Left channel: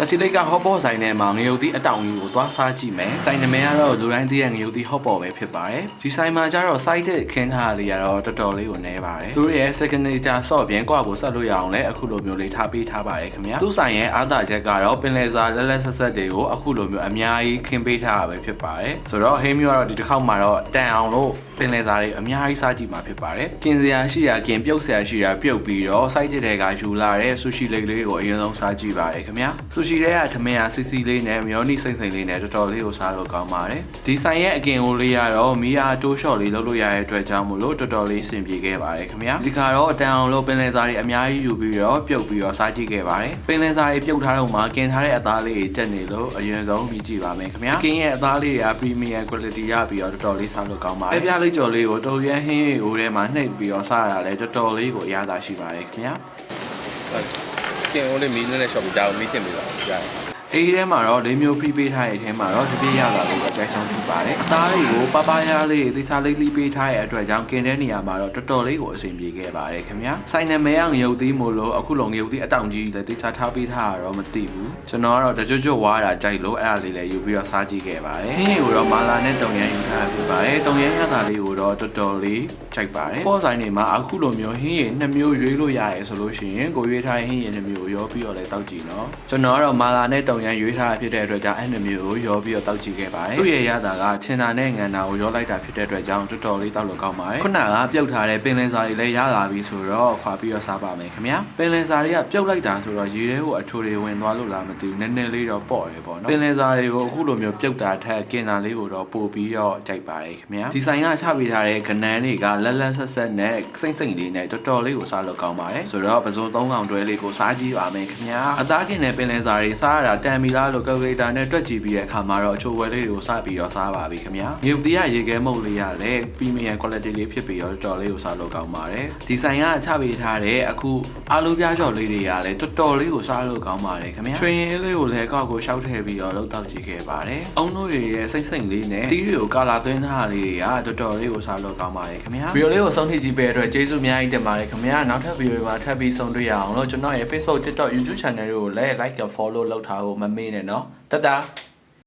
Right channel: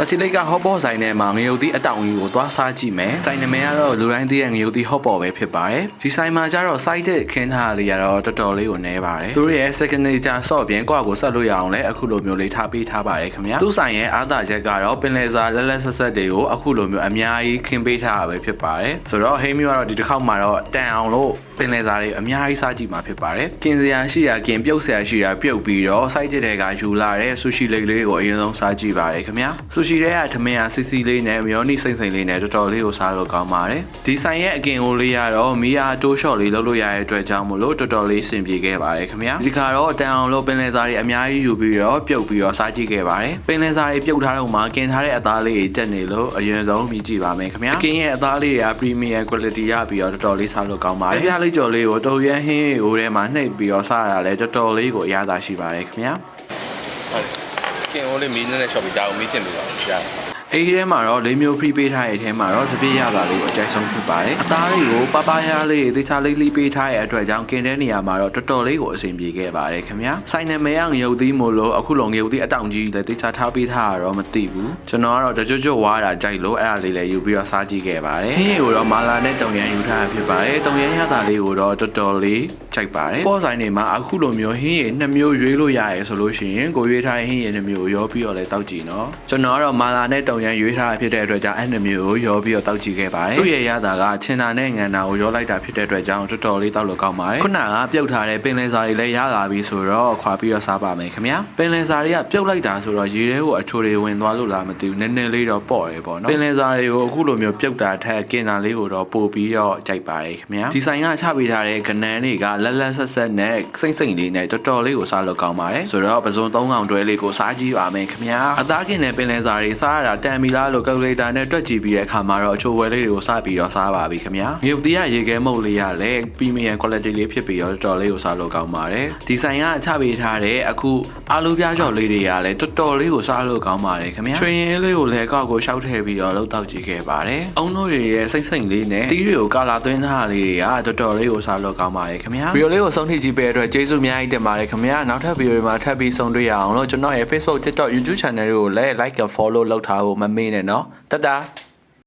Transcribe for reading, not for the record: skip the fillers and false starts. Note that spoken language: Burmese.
တချီလိတ်ကဟော့ပေါ်ဆိုင်ထဲမှာငရုတ်သီးအတောင်ကြီးကိုသွားစားကြည့်မယ်ဆိုင်နမည်ကတော့လူတိုင်းသိတဲ့ငရုတ်သီးဟော့ပေါ်ပဲဖြစ်ပါတယ်ဒီဆိုင်မှာကျတော့ site ခင်းထားလေးကတော့တော်တော်လေးကိုနည်းပါတယ်သူတို့ရဲ့ signature sauce ပြင်ကွာကိုဆက်လို့ရအောင်လဲအခုလိုမျိုးလေးထားပေးထားပါတယ်ခင်ဗျာသူ့ဆိုင်ရဲ့အားသာချက်ကတော့ပင်လယ်စာလက်လက်ဆက်ဆက်တွေကိုအခုလိုမျိုးအများကြီးခင်းပေးထားတာပဲဖြစ်ပါတယ်ဆိုတော့ဟင်းမျိုးကတော့ဒီတစ်ခေါက်မှာတော့တန်အောင်လို့ပင်လယ်စာတွေအများကြီးစားကြည့်မှာဖြစ်ပါတယ်ကင်စရာရှိတာကင်ပြုတ်စရာရှိတာပြုတ်ပြီးတော့ site တွေကယူလာတဲ့ sushi လေးကိုအရင်ဆုံးစားကြည့်ပါတယ်ခင်ဗျာ sushi တွေကထမင်းစီစီလေးနဲ့မယောနီစိမ့်စိမ့်လေးနဲ့တော်တော်လေးကိုစားလို့ကောင်းပါတယ်ဒီဆိုင်ရဲ့အကင်ကိုလေးကတော့မီယာတိုးရှော့လေးလုပ်လို့ရတဲ့အတွက်ကြောင့်မို့လို့တော်တော်လေးအဆင်ပြေခဲ့ပါတယ်ခင်ဗျာဒီကတော့တန်အောင်လို့ပင်လယ်စာတွေအများကြီးယူပြီးတော့ပြုတ်ပြီးတော့စားကြည့်ခဲ့ပါတယ်ပင်လယ်စာတွေပြုတ်ထားတော့မှကင်ထားတဲ့အသားလေးတွေတက်နေလို့အရင်ဆုံးပြီးကြည့်ပါမယ်ခင်ဗျာအကင်ရဲ့အသားလေးတွေက premium quality ရပြီးတော့တော်တော်လေးစားလို့ကောင်းပါတယ်ပြလေးကြော်လေးကိုတော်ရန်ဟင်းရိုးထဲမှာနှိပ်ပြီးတော့စားရတာလည်းတော်တော်လေးကိုအရသာရှိပါတယ်ခင်ဗျာဟုတ်ကင်အိုးလေးမီးနဲ့ရှော့ပြီးဒါကိုမီးတင်လို့ရတယ်အေးထဲမှာတော့လေးမျိုး free ပေးထားတဲ့အထဲမှာတော့စပစ်ရတာလေးကိုအကြိုက်ဆုံးဖြစ်ပါတယ်အသားလေးကိုပပညာလေးတေချာလေးလေးပေးထားတဲ့အတွက်ကြောင့်กินတဲ့နေရာမှာတော့တော်တော်လေးကိုအဆင်ပြေခဲ့ပါတယ်ခင်ဗျာဆိုင်နမဲငရုတ်သီးမို့လို့အခုလုံးငရုတ်သီးအတောင်ကြီးလည်းတေချာထားပေးထားတာတော့မသိဘူးကျွန်တော်ကတော့တကြွကြွဝါတာကြိုက်လို့အဲ့ဒါလေးလည်းယူပြီးတော့စားကြည့်ခဲ့ပါတယ်ဟင်းကိုတော့မာလာနဲ့တုံရန်ယူထားဖြစ်ပါတယ်တုံရန်ရတာလေးကိုတော့တော်တော်လေးကြိုက်ပါတယ်ပေါ်ဆိုင်တွေမှာအခုလိုမျိုးဟင်းရည်2မျိုးရွေးလို့ရရဲဆိုလို့ရှိရင်ကိုရွေးထားတဲ့ဟင်းရည်2မျိုးရောပြီးတော့လည်းတောက်ကြည့်နော်ကျွန်တော်ကတော့မာလာနဲ့တုံရန်ရွေးထားဖြစ်တဲ့အတွက်ကြောင့်အဲ့2မျိုးကိုရောပြီးတော့တောက်ကြည့်ခဲ့ပါတယ်သူ့ရဲ့ရတာကချင်တာနဲ့ငံတာကိုရောလိုက်တာဖြစ်တဲ့အတွက်ကြောင့်တော်တော်လေးတောက်လို့ကောင်းပါတယ်ခုနကပြုတ်ထားတဲ့ပင်လယ်စာတွေလည်းရလာပြီဆိုတော့ခွာပြီးတော့စားပါမယ်ခင်ဗျာပင်လယ်စာတွေကပြုတ်လိုက်တာဆိုတော့ရေထဲကိုအချိုတွေဝင်သွားလို့လားမသိဘူးနည်းနည်းလေးတော့ပေါ့တယ်ပေါ့နော်ပင်လယ်စာတွေကိုအခုလိုမျိုးပြုတ်တာထက်ကင်တာလေးကိုတော့ပို့ပြီးတော့ကြိုက်ပါတယ်ခင်ဗျာဒီဆိုင်ကချပေးထားတဲ့ကနန်းတွေကလက်လက်ဆက်ဆက်နဲ့စိမ့်စိမ့်လေးနဲ့တော်တော်လေးကိုစားလို့ကောင်းပါတယ်ဆိုတော့ပစုံ3កောင်တွဲလေးကိုစားကြည့်ပါမယ်ခင်ဗျာအသားကင်တဲ့ပင်လယ်စာတွေစားရတာတန်မီလားလို့ calculator နဲ့တွက်ကြည့်ပြီးတဲ့အခါမှာတော့အချိုဝဲလေးတွေကိုစားပြီးတော့စားပါပြီခင်ဗျာမြုပ်တရားရေခဲမုတ်လေးရလည်း premium quality လေးဖြစ်ပြီးတော့တော်တော်လေးကိုစားလို့ကောင်းပါတယ်ဒီဆိုင်ကချပေးထားတဲ့အခုအာလူပြားကြော်လေးတွေကလည်းတော်တော်လေးကိုစားလို့ကောင်းပါတယ်ခင်ဗျာချွေရင်လေးကိုလည်းကောက်ကိုရှောက်ထည့်ပြီးတော့လှုပ်တောက်ကြည့်ခဲ့ပါတယ်အုံတို့ရဲ့စိမ့်စိမ့်လေးနဲ့တီးတွေကိုကာလာသွင်းထားလေးတွေကတော်တော်လေးကိုစားလို့ကောင်းပါတယ်ခင်ဗျာဗီဒီယိုလေးကိုဆုံးထိကြည့်ပေးတဲ့အတွက်ကျေးဇူးအများကြီးတင်ပါတယ်ခင်ဗျာနောက်ထပ်ဗီဒီယိုတွေမှာထပ်ပြီးဆုံတွေ့ရအောင်လို့ကျွန်တော်ရဲ့ Facebook TikTok YouTube channel တွေကိုလည်း like and follow လုပ်ထားဖို့မမေ့နဲ့နော်တတာ